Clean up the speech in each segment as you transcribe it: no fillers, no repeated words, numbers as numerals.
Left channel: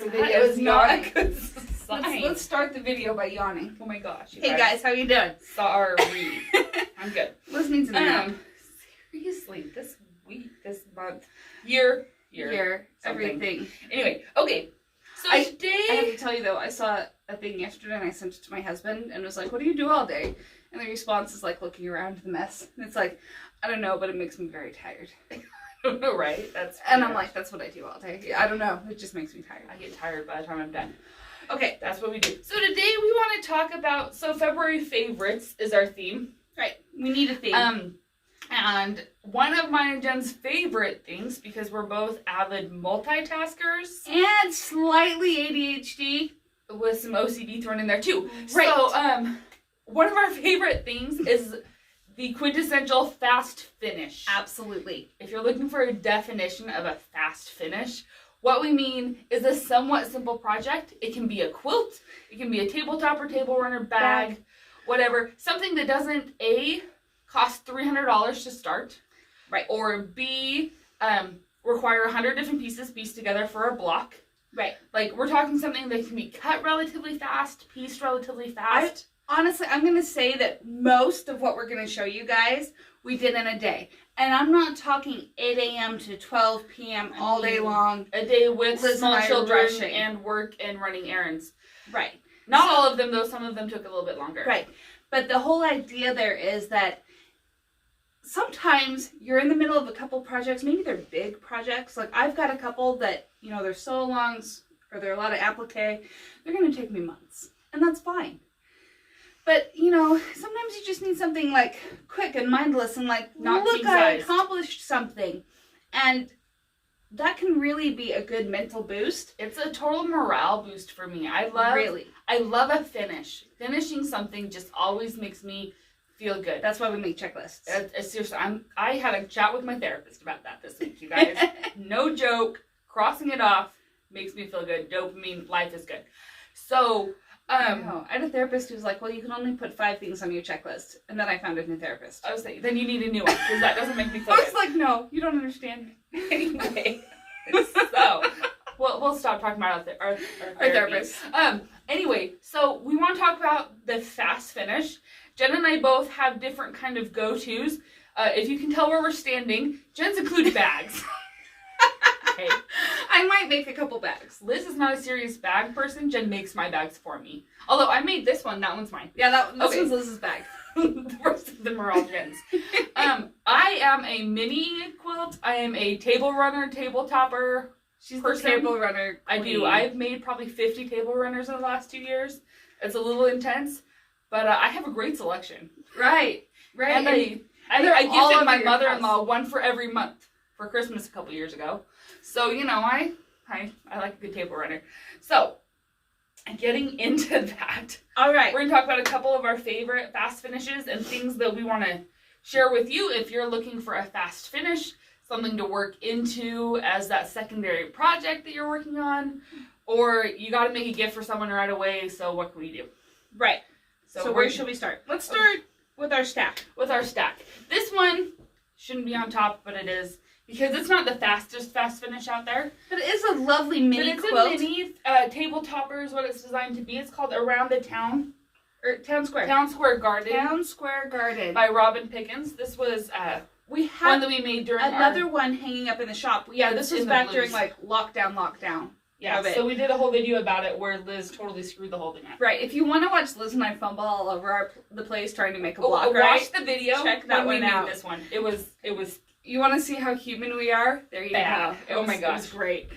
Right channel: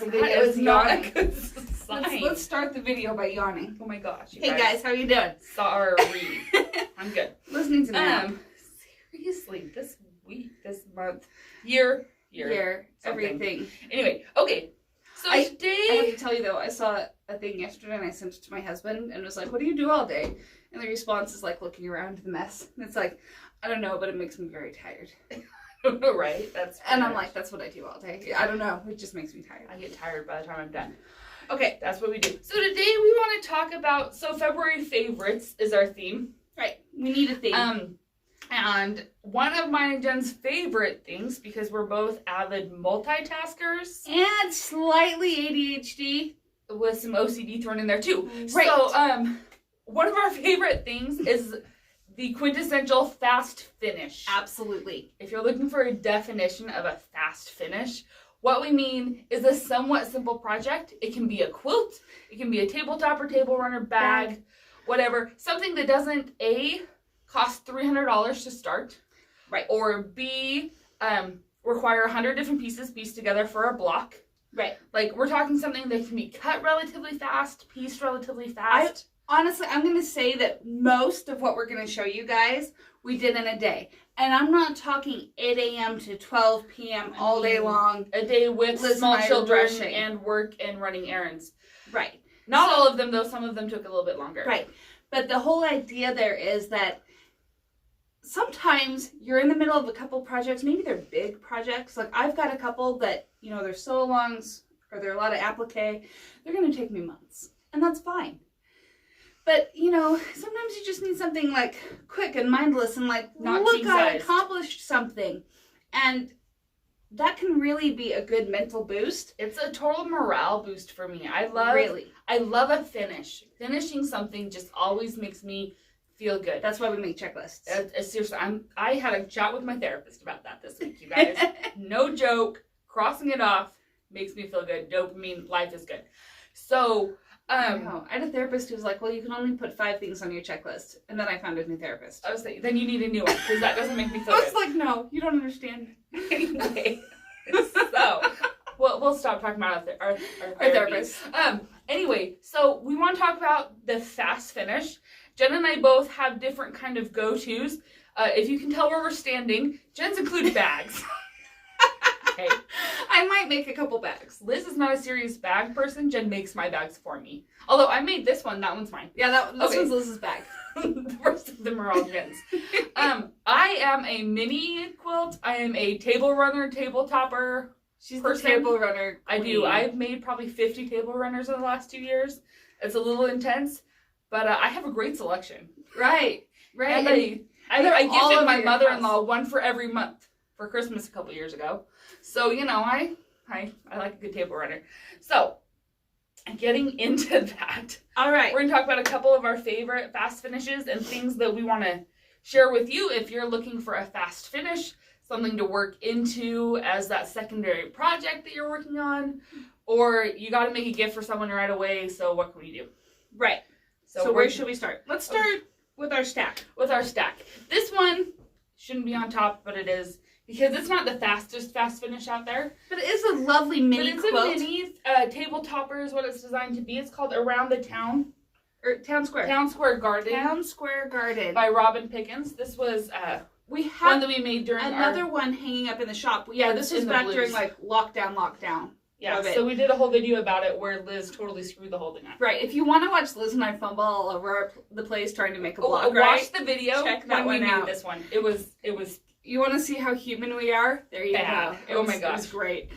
It was not a good sign. Let's start the video by yawning. Oh my gosh. Hey guys, how you doing? Sorry. I'm good. Listening to me. Seriously, this week, this month, year, everything. Anyway, okay. So today... I have to tell you though, I saw a thing yesterday and I sent it to my husband and was like, what do you do all day? And the response is like looking around the mess. And it's like, I don't know, but it makes me very tired. Right? And I'm like, that's what I do all day. Yeah, I don't know. It just makes me tired. I get tired by the time I'm done. Okay. That's what we do. So today we want to talk about, February favorites is our theme. Right. We need a theme. And one of mine and Jen's favorite things, because we're both avid multitaskers. And slightly ADHD. With some OCD thrown in there too. Right. So, one of our favorite things is the quintessential fast finish. Absolutely. If you're looking for a definition of a fast finish, what we mean is a somewhat simple project. It can be a quilt, it can be a tabletop or table runner bag, whatever. Something that doesn't A, cost $300 to start, right, or B, require 100 different pieces pieced together for a block. Right. Like, we're talking something that can be cut relatively fast, pieced relatively fast. Honestly, I'm going to say that most of what we're going to show you guys, we did in a day. And I'm not talking 8 a.m. to 12 p.m. all day long. A day with Liz small and I children rushing. and work and running errands. Right. Not all of them, though. Some of them took a little bit longer. Right. But the whole idea there is that sometimes you're in the middle of a couple projects. Maybe they're big projects. Like, I've got a couple that, you know, they're sew-alongs or they're a lot of applique. They're going to take me months. And that's fine. But, you know, sometimes you just need something, like, quick and mindless and, like, Not look, I king-sized. accomplished something. And that can really be a good mental boost. It's a total morale boost for me. I love a finish. Finishing something just always makes me feel good. That's why we make checklists. Seriously, I had a chat with my therapist about that this week, you guys. No joke. Crossing it off makes me feel good. Dopamine, life is good. So... I had a therapist who was like, well, you can only put 5 things on your checklist. And then I found a new therapist. I was like, then you need a new one, because that doesn't make me feel I good. was like, no, you don't understand. Anyway, so, we'll stop talking about our therapist. Anyway, so we want to talk about the fast finish. Jen and I both have different kind of go-tos. If you can tell where we're standing, Jen's include bags. Okay. I might make a couple bags. Liz is not a serious bag person. Jen makes my bags for me. Although I made this one. That one's mine. Yeah, this one's Liz's bag. The rest of them are all Jen's. I am a mini quilt. I am a table runner, table topper. She's person. the table runner queen. I do. I've made probably 50 table runners in the last 2 years. It's a little intense, but I have a great selection. Right. And I gifted my mother-in-law one for every month for Christmas a couple years ago. So, you know, I like a good table runner. So, getting into that. All right. We're going to talk about a couple of our favorite fast finishes and things that we want to share with you if you're looking for a fast finish, something to work into as that secondary project that you're working on, or you got to make a gift for someone right away, so what can we do? Right. So where should we start? Let's start with our stack. This one shouldn't be on top, but it is. Because it's not the fastest fast finish out there. But it is a lovely mini quilt. But it's a mini table topper is what it's designed to be. It's called Around the Town. Or Town Square. Town Square Garden. Town Square Garden. By Robin Pickens. This was we have one that we made during another one hanging up in the shop. Yeah, this was back during like lockdown. Yeah, so we did a whole video about it where Liz totally screwed the whole thing up. Right. If you want to watch Liz and I fumble all over the place trying to make a vlog, watch the video. Check that one out. This one. It was. You want to see how human we are? There you go. Oh my gosh. It was great.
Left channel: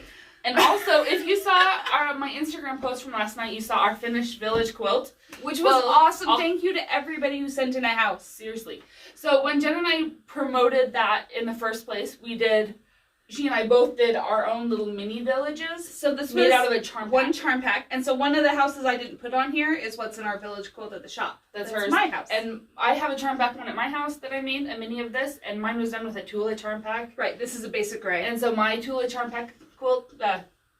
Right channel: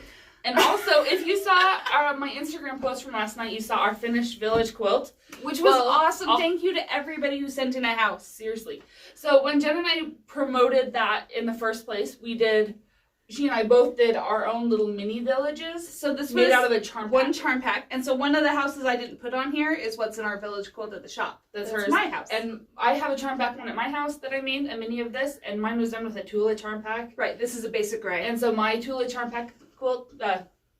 And also, if you saw my Instagram post from last night, you saw our finished village quilt. Which was awesome. Thank you to everybody who sent in a house. Seriously. So when Jen and I promoted that in the first place, she and I both did our own little mini villages. So this made was out of a charm pack. One charm pack. And so one of the houses I didn't put on here is what's in our village quilt at the shop. That's hers. My house. And I have a charm pack one at my house that I made, a mini of this, and mine was done with a Tula charm pack. Right, this is a basic gray. And so my Tula charm pack quilt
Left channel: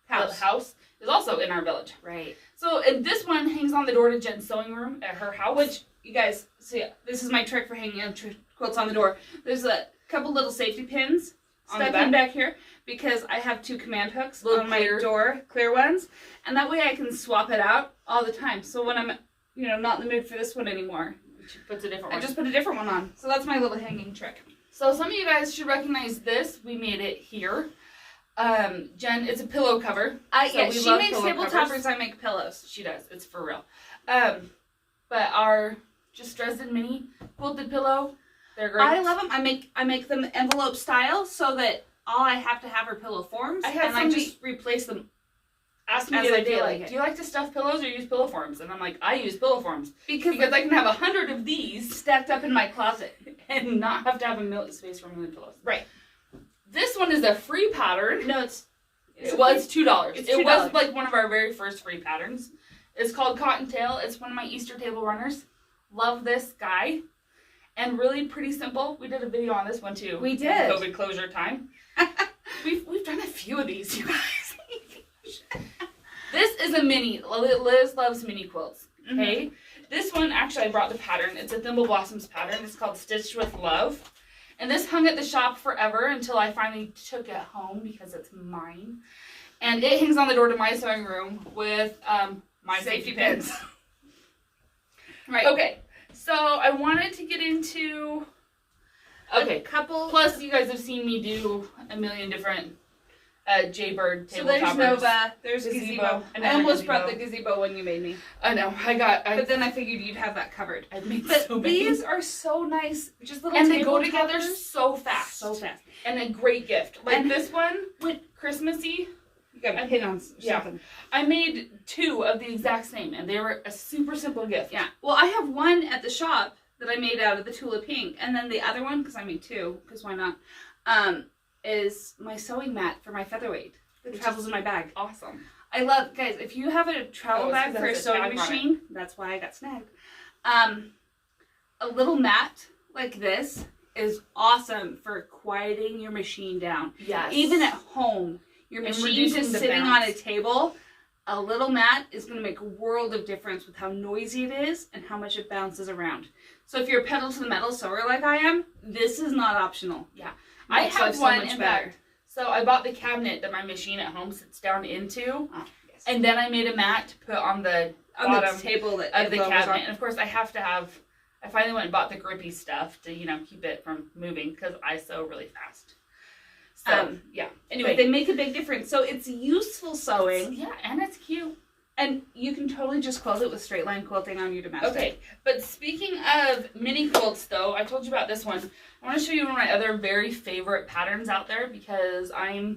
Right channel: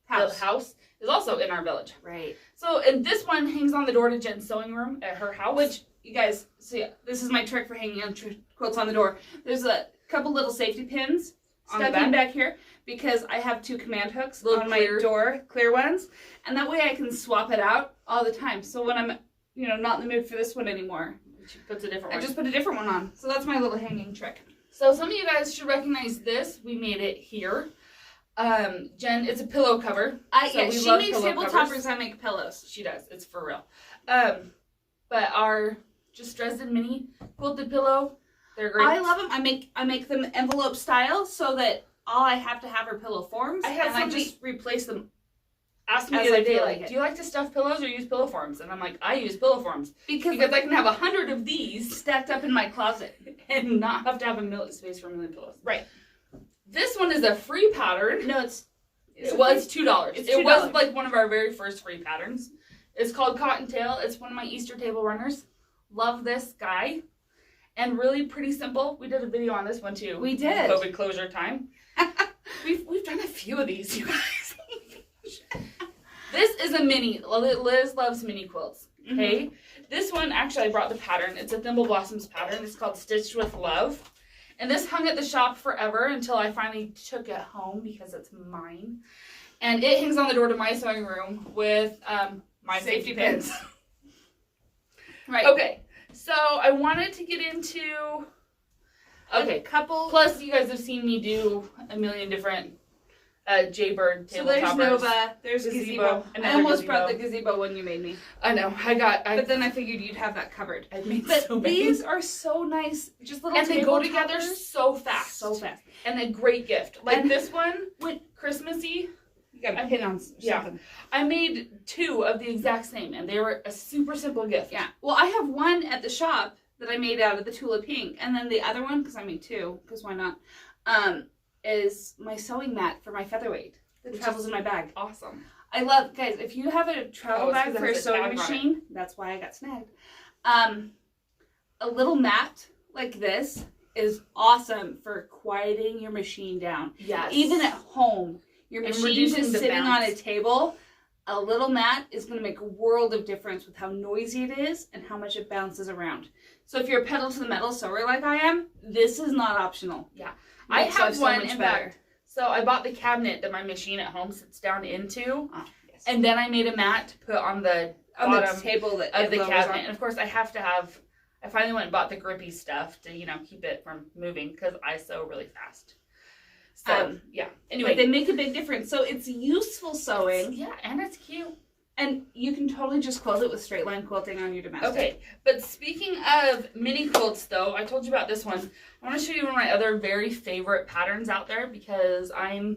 house is also in our village. Right. So, and this one hangs on the door to Jen's sewing room at her house. Which, you guys, so yeah, this is my trick for hanging on quilts on the door. There's a couple little safety pins stuck in back here because I have 2 command hooks Little on clear. my door, clear ones, and that way I can swap it out all the time. So when I'm, not in the mood for this one anymore, She puts a different I one. just put a different one on. So that's my little hanging trick. So some of you guys should recognize this. We made it here. Jen, it's a pillow cover. Yeah, she love makes pillow table covers. toppers. I make pillows. She does. It's for real. But our just Dresden mini quilted pillow, they're great. I love them. I make them envelope style so that all I have to have are pillow forms. I just replace them. Asked me as the I other day, feel like, like it. do you like to stuff pillows or use pillow forms? And I'm like, I use pillow forms Because I can have 100 of these stacked up in my closet. and not have to have a space for a million pillows. Right. This one is a free pattern. No, It was $2. It's It was $2. like one of our very first free patterns. It's called Cottontail. It's one of my Easter table runners. Love this guy. And really pretty simple. We did a video on this one too. We did. COVID closure time. We've done a few of these, you guys. This is a mini. Liz loves mini quilts. Okay. This one, actually, I brought the pattern. It's a Thimble Blossoms pattern. It's called Stitched with Love. And this hung at the shop forever until I finally took it home because it's mine. And it hangs on the door to my sewing room with my safety pins. Right. Okay. So I wanted to get into... Okay. A couple. Plus, you guys have seen me do a million different Jaybird So table there's toppers. Nova, there's Gazebo, Gazebo. I another almost gazebo. brought the Gazebo one you made me. I know. But then I figured you'd have that covered. I've made But so many. these are so nice. Just little And they table go together toppers. so fast. So fast. And a great gift. Like And- this one, Christmassy. You got a pin on Yeah. something. I made 2 of the exact same, and they were a super simple gift. Yeah. Well, I have one at the shop that I made out of the Tula Pink. And then the other one, because I made 2, because why not, is my sewing mat for my featherweight that travels in my bag. Awesome. I love, guys, if you have a travel it's bag 'cause it for a has a sewing tag on it. machine, that's why I got snagged. A little mat like this is awesome for quieting your machine down. Yes. Even at home, your And machine reducing just the sitting on a bounce. table, a little mat is going to make a world of difference with how noisy it is and how much it bounces around. So if you're a pedal to the metal sewer like I am, this is not optional. Yeah. It I makes have life so one, much in better. fact. So I bought the cabinet that my machine at home sits down into. Ah, yes. And then I made a mat to put on the on bottom the table that of the it lowers cabinet. on. And of course, I finally went and bought the grippy stuff to, keep it from moving because I sew really fast. So, yeah. Anyway. But they make a big difference. So it's useful sewing. Yeah, and it's cute. And you can totally just quilt it with straight line quilting on your domestic. Okay, but speaking of mini quilts, though, I told you about this one. I want to show you one of my other very favorite patterns out there because I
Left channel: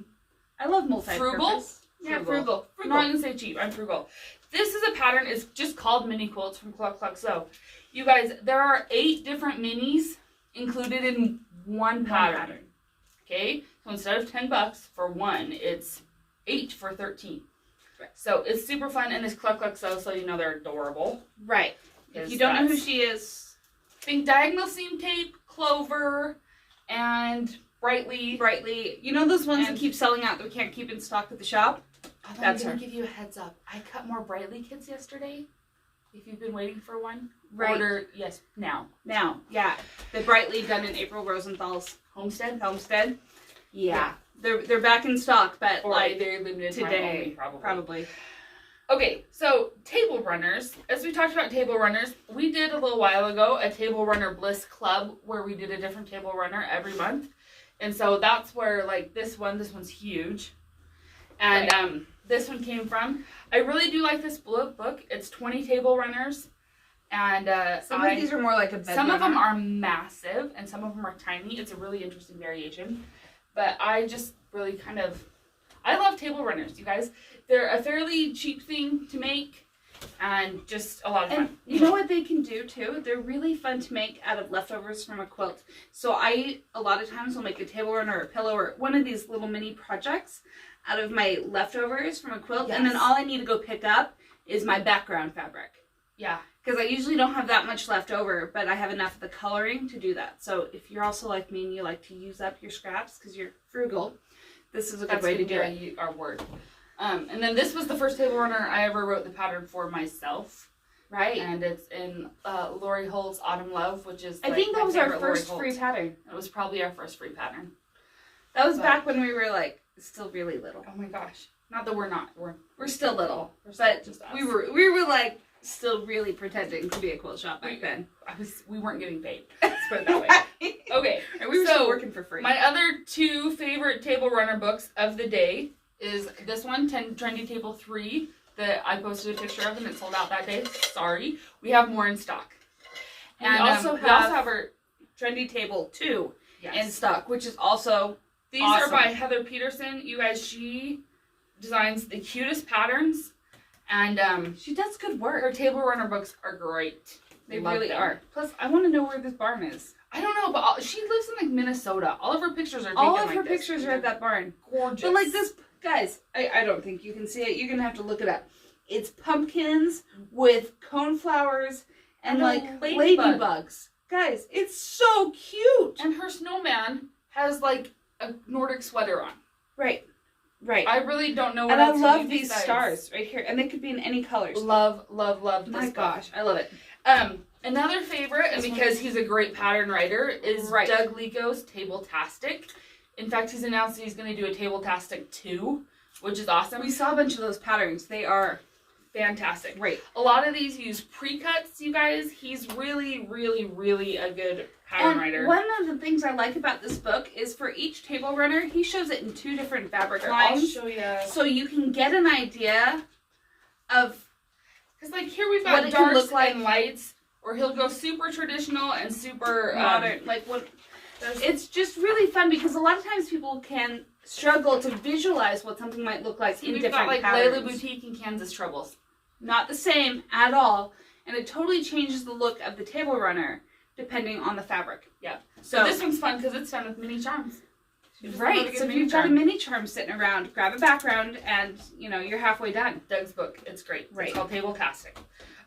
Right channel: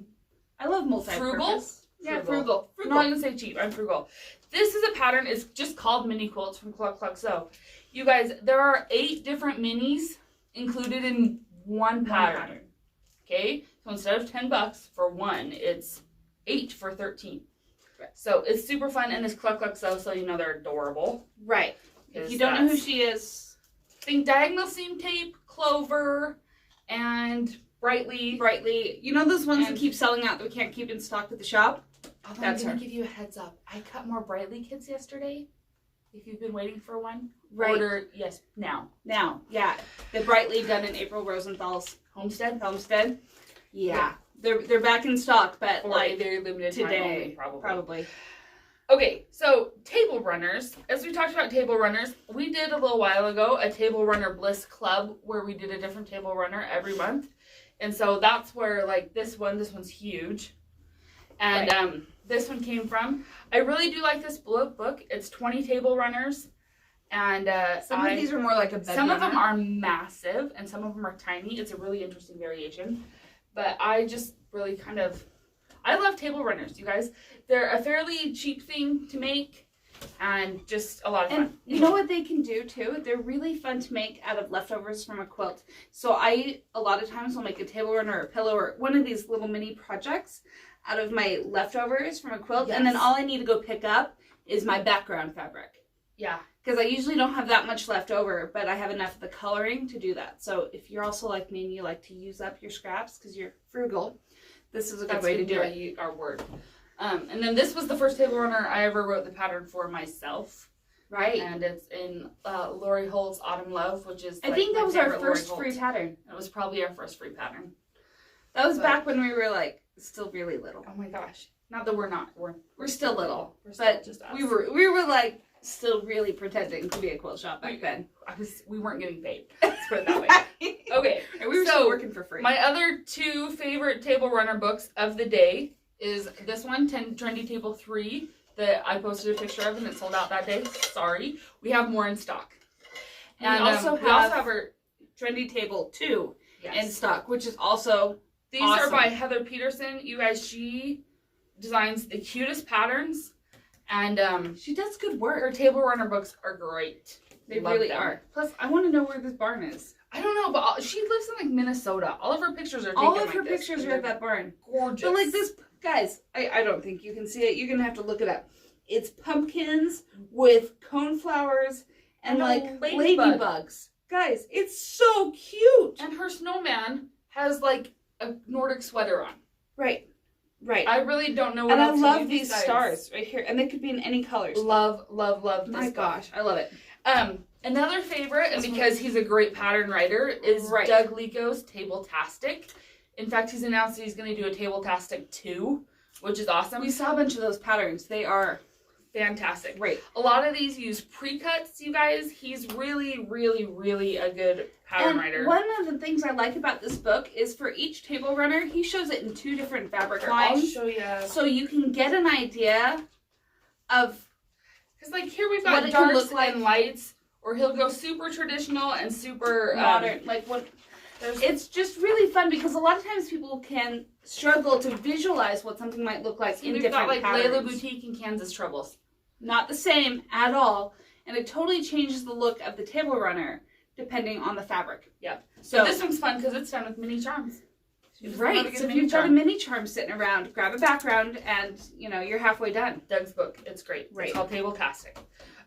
love multi-purpose. frugal. Yeah, frugal. I'm not going to say cheap. I'm frugal. This is a pattern. It's just called mini quilts from Cluck Cluck Sew. You guys, there are 8 different minis included in one pattern. Okay? So instead of $10 for one, it's 8 for $13. Right. So it's super fun, and it's Cluck Cluck Sew, so you know they're adorable. Right. If Yes, you don't know who that's- she is, think diagonal seam tape, clover, and brightly. you know those ones And- that keep selling out that we can't keep in stock at the shop? Although That's I'm gonna her. give you a heads up. I cut more brightly kits yesterday. If you've been waiting for one, Right. order now. Now, yeah. The brightly done in April Rosenthal's Homestead. Yeah. They're back in stock, but Or like a very limited time today, only, probably. Okay, so table runners. As we talked about table runners, we did a little while ago a table runner bliss club where we did a different table runner every month, and so that's where like this one's huge, and this one came from. I really do like this book. It's 20 table runners, and Some of these are more like a bed some of them runner. are massive and some of them are tiny. It's a really interesting variation. But I just really I love table runners, you guys. They're a fairly cheap thing to make and just a lot of fun. And you know what they can do too? They're really fun to make out of leftovers from a quilt. So a lot of times will make a table runner or a pillow or one of these little mini projects out of my leftovers from a quilt. Yes. And then all I need to go pick up is my background fabric. Yeah. Because I usually don't have that much left over, but I have enough of the coloring to do that. So if you're also like me and you like to use up your scraps because you're frugal, this is a good way to do it. Our word. And then this was the first table runner I ever wrote the pattern for myself. Right. And it's in Lori Hull's Autumn Love, which is I think that my was our favorite Lori first Hull. free pattern. It was probably our first free pattern. That was back when we were like still really little. Oh my gosh. Not that we're not. We're still little. We're still But just us. we were like still really pretending to be a quilt shop back then. We weren't getting paid. Let's put it that way. Okay. And we were still working for free. My other two favorite table runner books of the day is this one, Trendy Table 3, that I posted a picture of and it sold out that day. Sorry. We have more in stock. And we also have our Trendy Table 2 in stock, which is also These awesome. are by Heather Peterson. You guys, she designs the cutest patterns. And she does good work. Her table runner books are great. They really are. Plus, I want to know where this barn is. I don't know, but she lives in like Minnesota. All of her pictures are taken All of like her this. pictures are at that barn. Gorgeous. But like this, guys, I don't think you can see it. You're going to have to look it up. It's pumpkins with coneflowers and like ladybugs. Guys, it's so cute. And her snowman has like a Nordic sweater on. Right. Right. I really don't know what and else I to love do these besides. stars right here. And they could be in any colors. Love this My gosh, I love it. Another favorite, and because he's a great pattern writer, is Doug Lico's Table-tastic. In fact, he's announced that he's going to do a Table-tastic 2, which is awesome. We saw a bunch of those patterns. They are fantastic. Great. A lot of these use pre-cuts, you guys. He's really, really, really a good pattern writer. One of the things I like about this book is for each table runner, he shows it in 2 different fabric lines. I'll show you. So you can get an idea of... Because like here we've got darks and lights, or he'll go super traditional and super modern. It's just really fun because a lot of times people can struggle to visualize what something might look like in different patterns. We've got like patterns. Layla Boutique and Kansas Troubles. Not the same at all, and it totally changes the look of the table runner depending on the fabric. Yeah. So this one's fun because it's done with mini charms. Right. So if you've got a mini charm sitting around, grab a background, and you're halfway done. Doug's book. It's great. Right. It's called Table-tastic.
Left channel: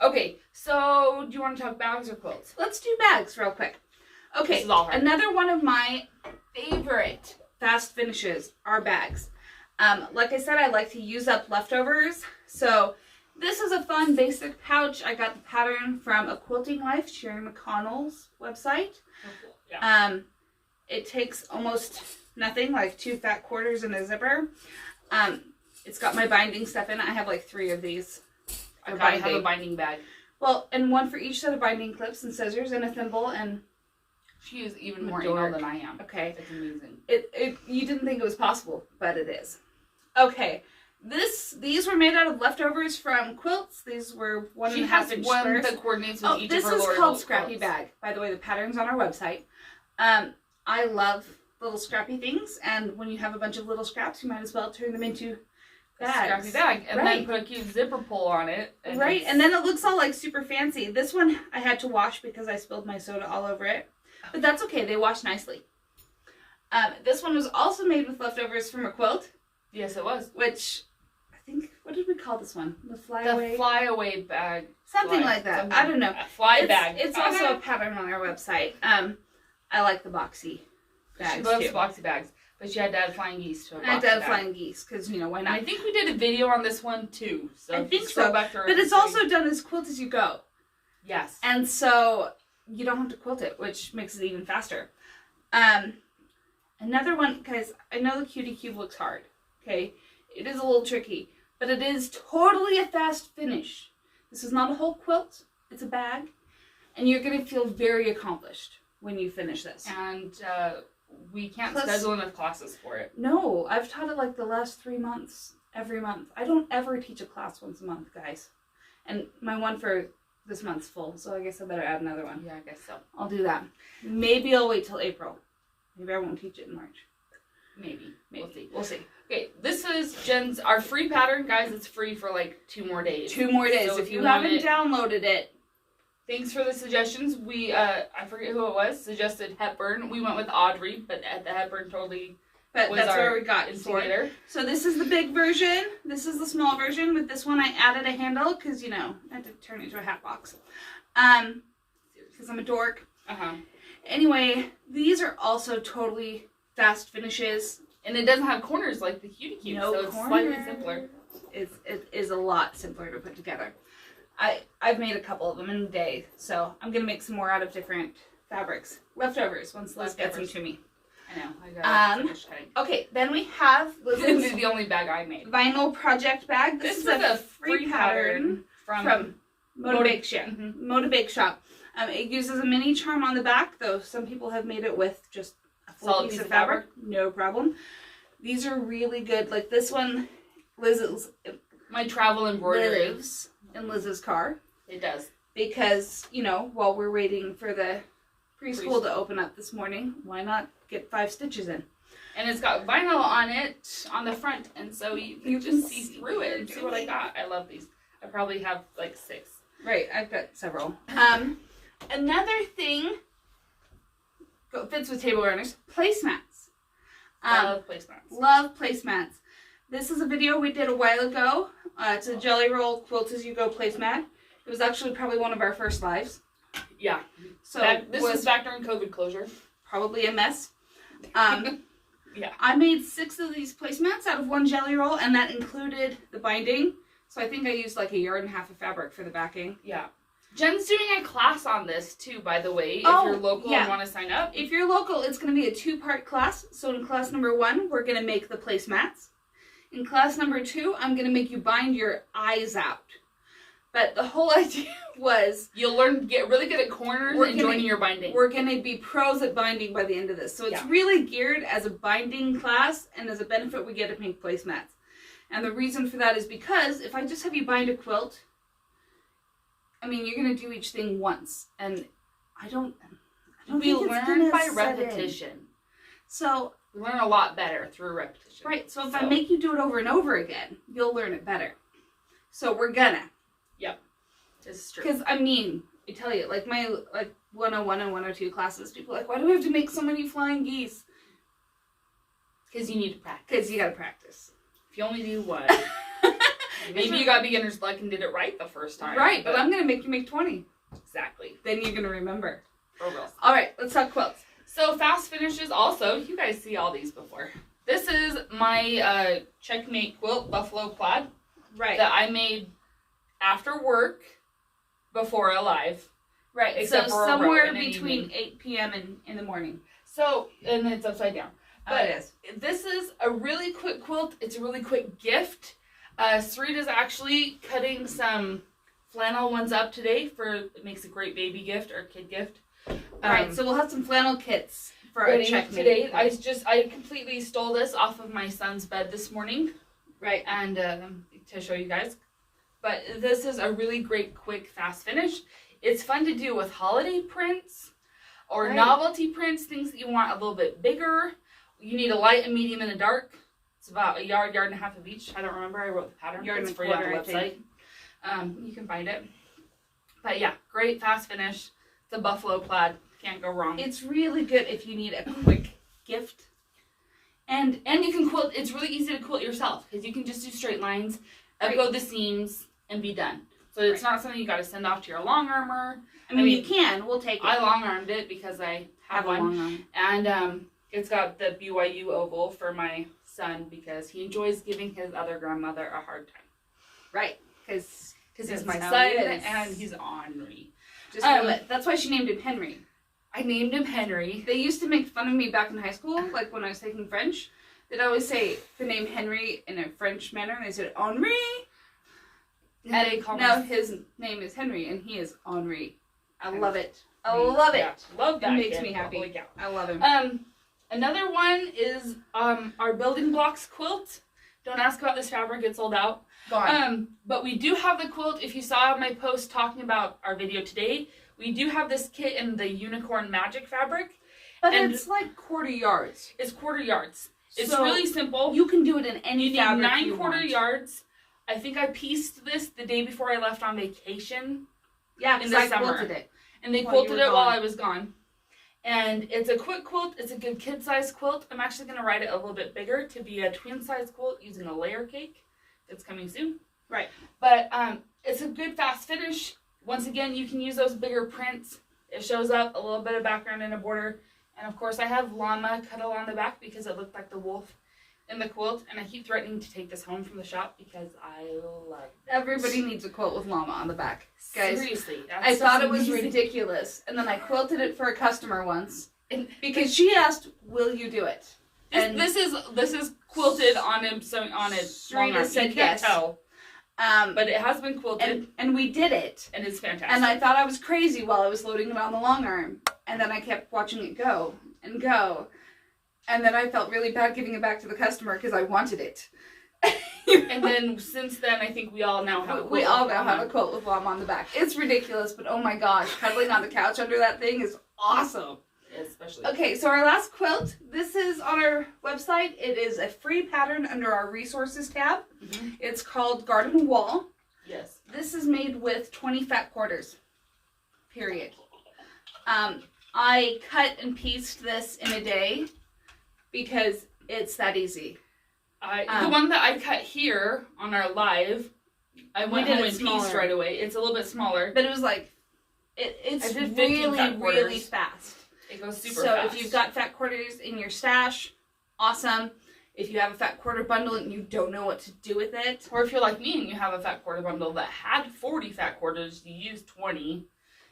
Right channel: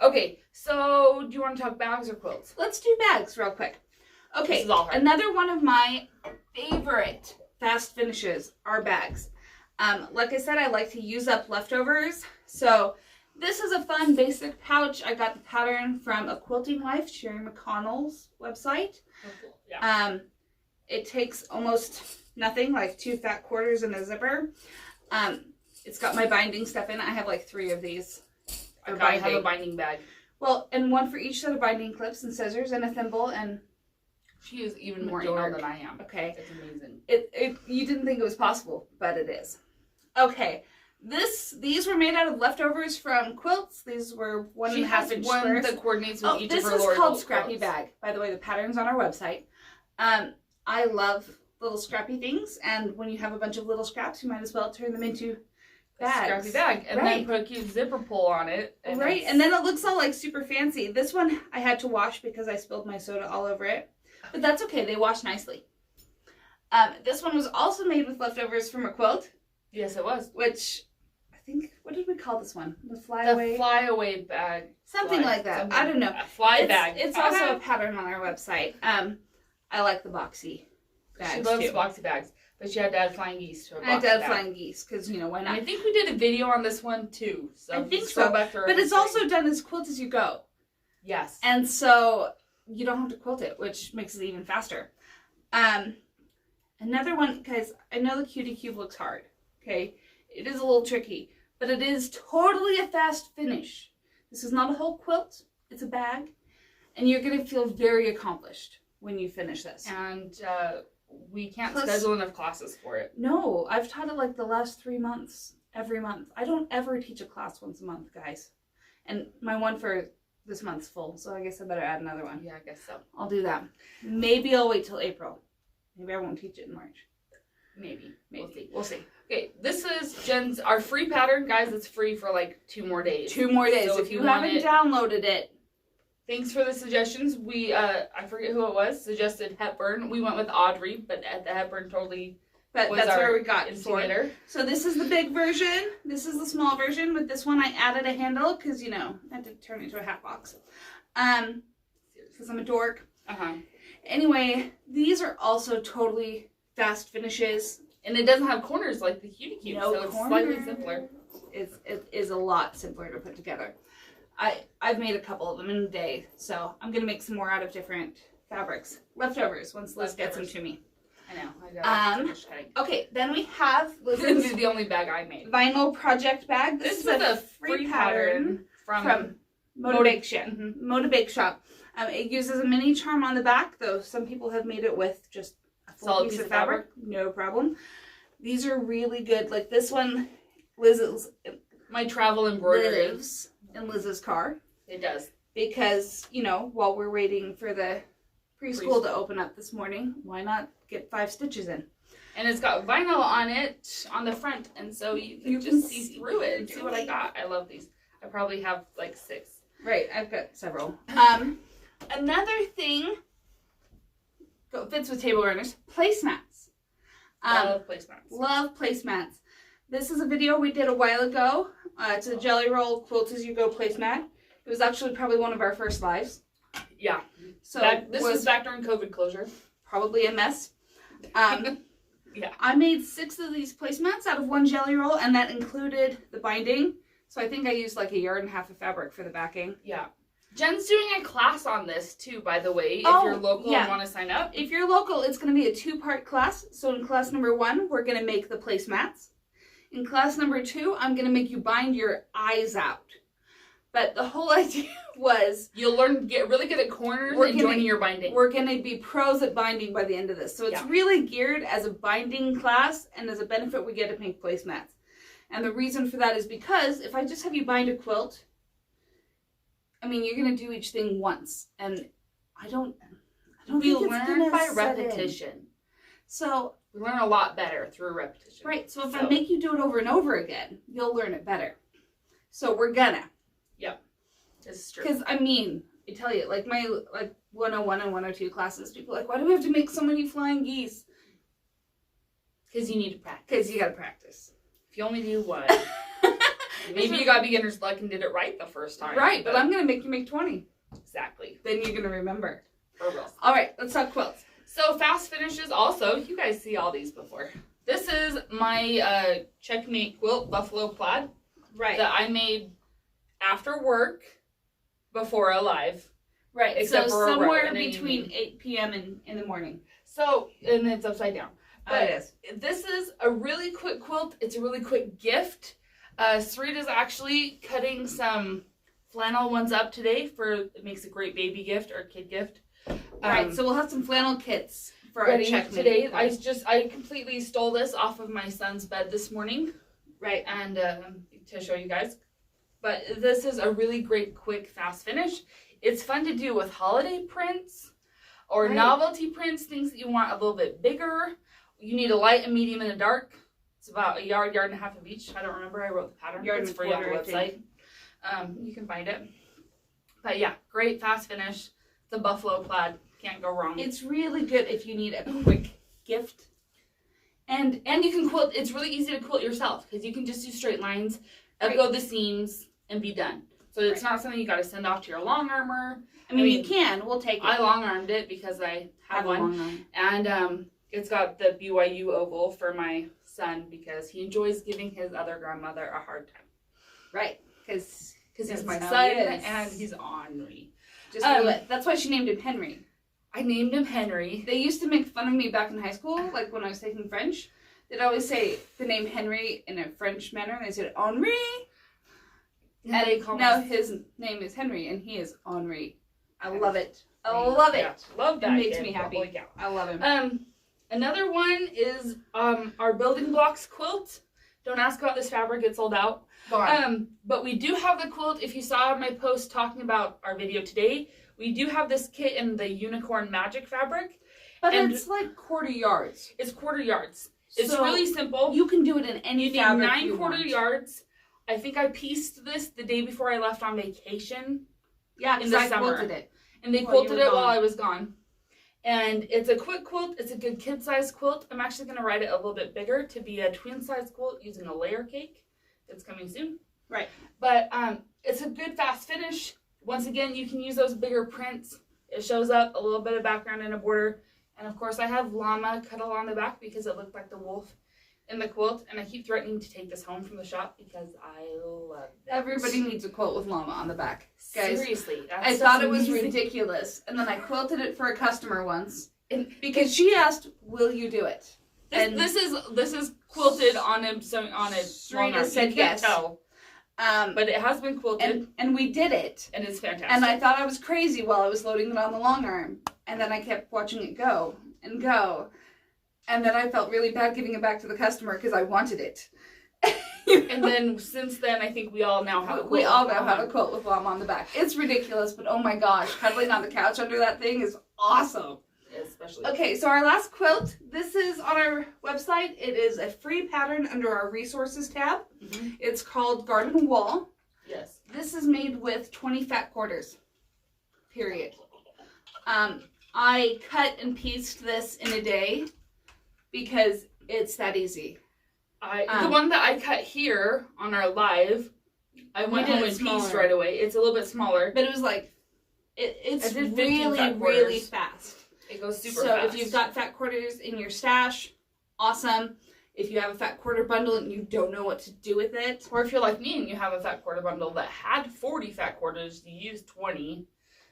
Okay. So do you want to talk bags or quilts? Let's do bags real quick. Okay. This is all right. Another one of my favorite fast finishes are bags. Like I said, I like to use up leftovers. So this is a fun basic pouch. I got the pattern from A Quilting Life, Sherry McConnell's website. Oh, cool. Yeah. It takes almost nothing, like 2 fat quarters and a zipper. It's got my binding stuff in it. I have like 3 of these. I gotta have a binding bag. Well, and one for each set of binding clips and scissors and a thimble and... She is even more anal than I am. Okay. It's amazing. You didn't think it was possible, but it is. Okay. These were made out of leftovers from quilts. These were 1.5 inch one squares. that coordinates with each this of her is Lord called quilts. Scrappy Bag. By the way, the pattern's on our website. I love little scrappy things, and when you have a bunch of little scraps, you might as well turn them into bags. Scrappy bag, and then put a cute zipper pull on it. And and then it looks all like super fancy. This one I had to wash because I spilled my soda all over it, but that's okay. They wash nicely. This one was also made with leftovers from a quilt. Yes, it was. Which I think, what did we call this one? The flyaway bag. Something like that. I don't know. Bag. It's also a pattern on our website. I like the boxy bags. She loves boxy bags, but she had to add flying geese to a boxy bag. I had to add flying geese because why not? I think we did a video on this one too. So I think so. But it's also done as quilt as you go. Yes. And so you don't have to quilt it, which makes it even faster. Another one, guys. I know the Cutie Cube looks hard. Okay, it is a little tricky, but it is totally a fast finish. This is not a whole quilt. It's a bag, and you're gonna feel very accomplished when you finish this. And we can't schedule enough classes for it. No, I've taught it like the last 3 months, every month. I don't ever teach a class once a month, guys. And my one for this month's full, so I guess I better add another one. Yeah, I guess so. I'll do that. Maybe I'll wait till April. Maybe I won't teach it in March. Maybe. We'll see. Okay, this is our free pattern, guys. It's free for like 2 more days. 2 more days. So if you haven't downloaded it. Thanks for the suggestions. We, I forget who it was, suggested Hepburn. We went with Audrey, but the Hepburn totally But that's where we got it for. So this is the big version. This is the small version. With this one, I added a handle because, I had to turn it into a hat box. Because I'm a dork. Anyway, these are also totally fast finishes. And it doesn't have corners like the Cutie Cube, so it's slightly simpler. It is a lot simpler to put together. I've made a couple of them in a day, so I'm going to make some more out of different fabrics. Leftovers, once Liz gets them to me. I know. I gotta finish cutting. Okay, then we have This is the only bag I made. vinyl project bag. This is a free pattern from Motivation. Motivate Shop. It uses a mini charm on the back, though some people have made it with just a full solid piece of fabric. No problem. These are really good. Like this one, Liz's my travel embroidery lives in Liz's car. It does. Because, you know, while we're waiting for the preschool to open up this morning, why not get 5 stitches in? And it's got vinyl on it on the front, and so you can just see through it and see what I got. I love these. I probably have like 6. Right, I've got several. Another thing fits with table runners, placemats. Love placemats. Love placemats. This is a video we did a while ago. It's a Jelly Roll Quilt As You Go placemat. It was actually probably one of our first lives. Yeah. So this was back during COVID closure. Probably a mess. Yeah. I made 6 of these placemats out of 1 Jelly Roll, and that included the binding. So I think I used like 1.5 yards of fabric for the backing. Yeah. Jen's doing a class on this too, by the way, if you're local and want to sign up. If you're local, it's going to be a 2-part class. So in class number 1, we're going to make the placemats. In class number 2, I'm going to make you bind your eyes out. But the whole idea was... You'll learn to get really good at corners and joining your binding. We're going to be pros at binding by the end of this. So it's really geared as a binding class, and as a benefit we get to make placemats. And the reason for that is because if I just have you bind a quilt, I mean, you're going to do each thing once. And I don't we think it's learn gonna by set repetition. in. So... We learn a lot better through repetition. Right, so if I make you do it over and over again, you'll learn it better. So we're gonna. Yep. This is true. Because, I mean, I tell you, like my 101 and 102 classes, people are like, why do we have to make so many flying geese? Because you need to practice. Because you gotta practice. If you only do one. Maybe you got beginner's luck and did it right the first time. Right, but I'm gonna make you make 20. Exactly. Then you're gonna remember. For real. Alright, let's talk quilts. So fast finishes also, you guys see all these before. This is my Checkmate quilt, Buffalo Plaid. Right. That I made after work, before Alive. Right, Except so for somewhere between 8 p.m. and in the morning. So, and it's upside down. It is. This is a really quick quilt. It's a really quick gift. Sarita's actually cutting some flannel ones up today it makes a great baby gift or kid gift. Right, so we'll have some flannel kits for our Checkmate today. I completely stole this off of my son's bed this morning. Right. And to show you guys. But this is a really great, quick, fast finish. It's fun to do with holiday prints or novelty prints, things that you want a little bit bigger. You need a light, a medium, and a dark. It's about 1.5 yards of each. I don't remember. I wrote the pattern. It's free on the website. You can find it. But yeah, great fast finish. It's a buffalo plaid. Can't go wrong. It's really good if you need a quick gift. And you can quilt. It's really easy to quilt yourself because you can just do straight lines, go the seams, and be done. So it's not something you got to send off to your long armor. I mean, you can. We'll take it. I long armed it because I have one. And it's got the BYU oval for my son because he enjoys giving his other grandmother a hard time. Right. Because he's my son and he's ornery. Just that's why she named him Henry. I named him Henry. They used to make fun of me back in high school, like when I was taking French. They'd always say the name Henry in a French manner, and they said Henri. And his name is Henry, and he is Henri. I love it. I love it. Love that. It makes me happy. I love him. Another one is our building blocks quilt. Don't ask about this fabric; it's sold out. But we do have the quilt. If you saw my post talking about our video today, we do have this kit in the unicorn magic fabric. But it's like 1/4 yards. It's 1/4 yards. It's really simple. You can do it in any fabric you want. 9 1/4 yards. I think I pieced this the day before I left on vacation. Yeah, in the summer. Quilted it. And they quilted it while I was gone. And it's a quick quilt. It's a good kid-size quilt. I'm actually going to write it a little bit bigger to be a twin-size quilt using a layer cake. It's coming soon. Right. But it's a good fast finish. Once again, you can use those bigger prints. It shows up a little bit of background and a border. And of course, I have llama cut along the back because it looked like the wolf in the quilt. And I keep threatening to take this home from the shop because I love it. Everybody needs a quilt with llama on the back. Guys, seriously. I thought it was ridiculous. And then I quilted it for a customer once. because she asked, "Will you do it?" This is quilted on a long arm. Serena said you can't yes. tell. But it has been quilted. And we did it. And it's fantastic. And I thought I was crazy while I was loading it on the long arm. And then I kept watching it go and go. And then I felt really bad giving it back to the customer because I wanted it. And then since then, I think we all now have a quilt. We all now have a quilt with Mom on the back. It's ridiculous, but oh my gosh, cuddling on the couch under that thing is awesome. Especially. Okay, so our last quilt, this is on our website. It is a free pattern under our resources tab. Mm-hmm. It's called Garden Wall. Yes. This is made with 20 fat quarters. Period. I cut and pieced this in a day because it's that easy. The one that I cut here on our live, I went home and pieced right away. It's a little bit smaller. But it was like, it's really fast. It goes super fast. So if you've got fat quarters in your stash, awesome. If you have a fat quarter bundle and you don't know what to do with it. Or if you're like me and you have a fat quarter bundle that had 40 fat quarters, you used 20.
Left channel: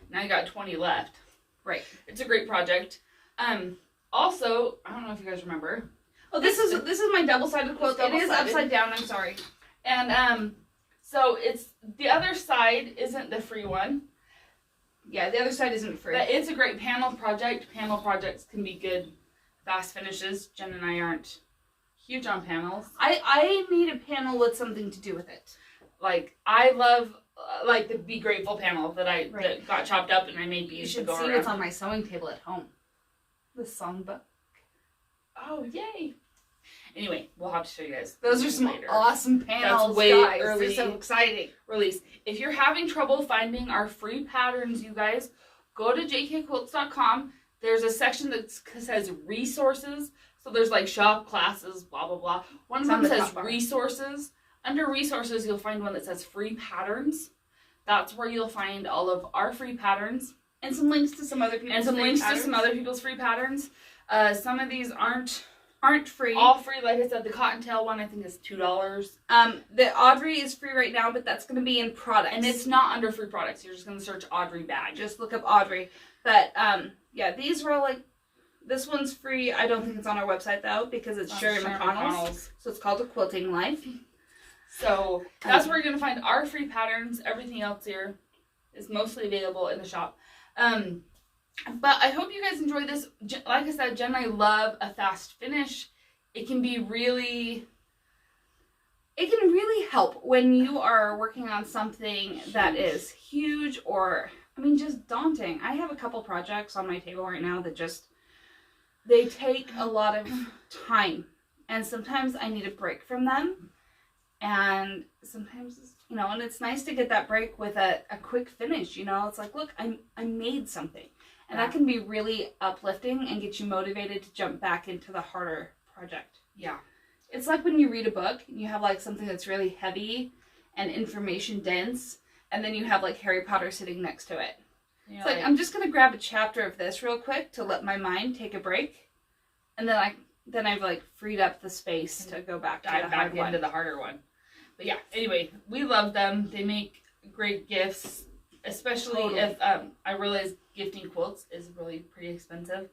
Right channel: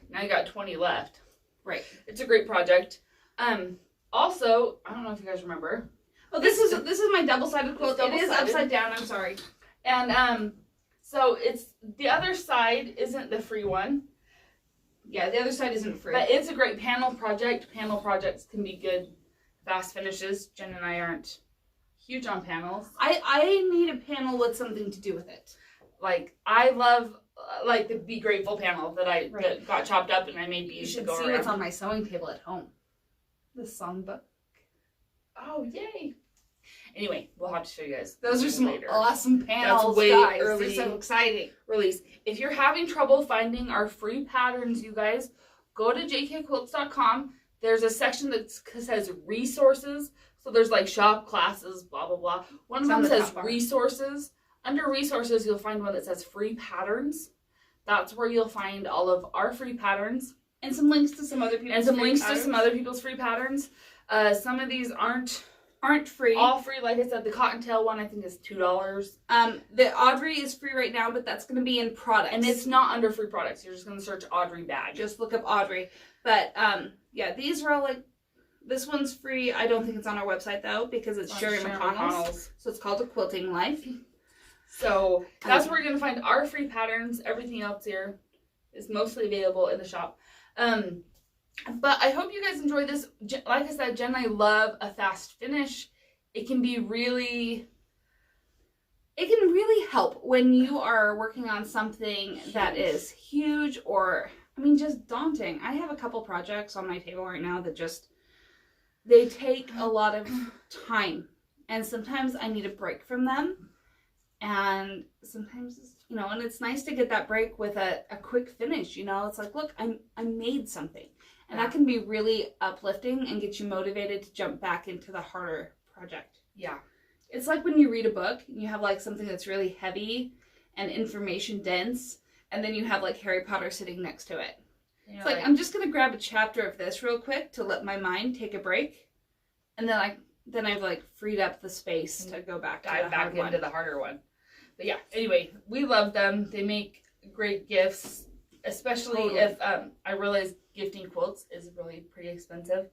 Now you got 20 left. Right. It's a great project. Also, I don't know if you guys remember. Oh, this is my double-sided quilt. It is upside down, I'm sorry. And so it's the other side isn't the free one. Yeah, the other side isn't free. But it's a great panel project. Panel projects can be good, fast finishes. Jen and I aren't huge on panels. I need a panel with something to do with it. Like, I love, like, the Be Grateful panel that that got chopped up and I made beads to go around. You should see what's on my sewing table at home. The songbook. Oh, yay. Anyway, we'll have to show you guys. Those are some awesome panels, That's way guys. early. They're so exciting. Release. If you're having trouble finding our free patterns, you guys, go to jkquilts.com. There's a section that says resources. So there's like shop, classes, blah, blah, blah. One of them says resources. Under resources, you'll find one that says free patterns. That's where you'll find all of our free patterns. And some links to some other people's free patterns. Some of these aren't free. All free. Like I said, the Cottontail one I think is $2. The Audrey is free right now, but that's going to be in products. And it's not under free products. You're just going to search Audrey bag. Just look up Audrey. But yeah, these are all like, this one's free. I don't think it's on our website though, because it's Sherry McConnell's. So it's called A Quilting Life. So that's where you're going to find our free patterns. Everything else here is mostly available in the shop. But I hope you guys enjoy this. Like I said, Jen and I love a fast finish. It can really help when you are working on something that is huge or, I mean, just daunting. I have a couple projects on my table right now that they take a lot of time. And sometimes I need a break from them. And sometimes, and it's nice to get that break with a quick finish, It's like, look, I made something. And that can be really uplifting and get you motivated to jump back into the harder project. Yeah. It's like when you read a book and you have like something that's really heavy and information dense, and then you have like Harry Potter sitting next to it. It's like, I'm just going to grab a chapter of this real quick to let my mind take a break. And then I've like freed up the space to go back to dive back into the harder one. But yeah, anyway, we love them. They make great gifts, especially if I realize gifting quilts is really pretty expensive.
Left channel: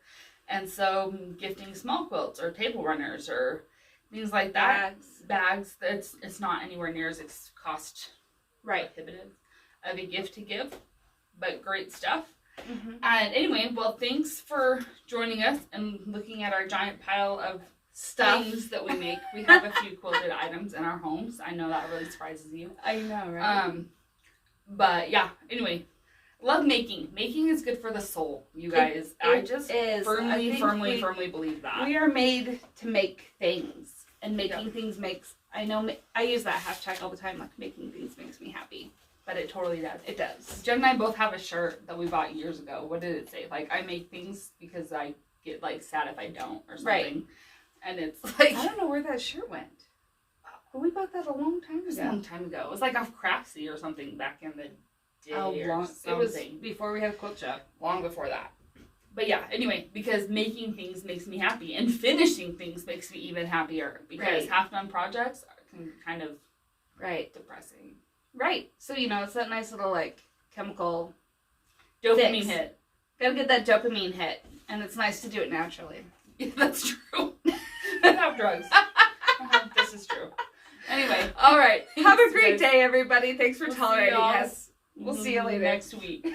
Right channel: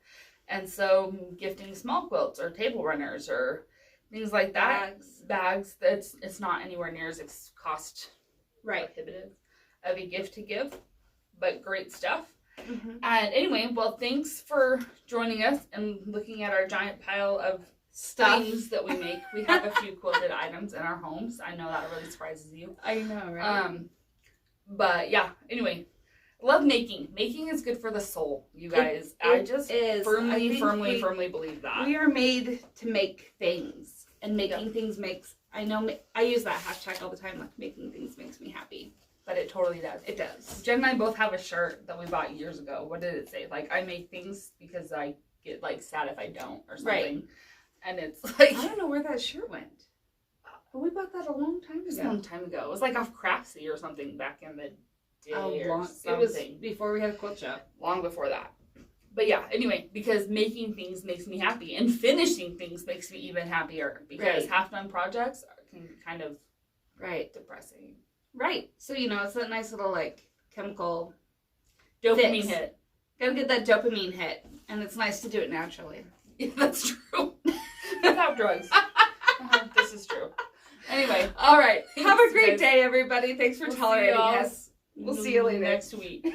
And so gifting small quilts or table runners or things like that, bags, it's not anywhere near as cost prohibitive of a gift to give, but great stuff. Mm-hmm. And anyway, well, thanks for joining us and looking at our giant pile of things that we make. We have a few quilted items in our homes. I know that really surprises you. I know, right? But yeah, anyway, love making. Making is good for the soul, you guys. I just firmly believe that. We are made to make things, and making things makes, I use that hashtag all the time, like making things makes me happy. But it totally does. It does. Jen and I both have a shirt that we bought years ago. What did it say? Like, I make things because I get like sad if I don't or something. Right. And it's like, I don't know where that shirt went. But we bought that a long time ago. It was a long time ago. It was like off Craftsy or something back in the day or something. It was before we had a quilt shop. Long before that. But yeah, anyway, because making things makes me happy. And finishing things makes me even happier. Because half-done projects can kind of depressing. Right. So, it's that nice little, like, chemical dopamine hit. Gotta get that dopamine hit. And it's nice to do it naturally. Yeah, that's true. Without drugs. This is true. Anyway. All right. Have a great guys. day, everybody. Thanks for tolerating us. We'll see you later next week.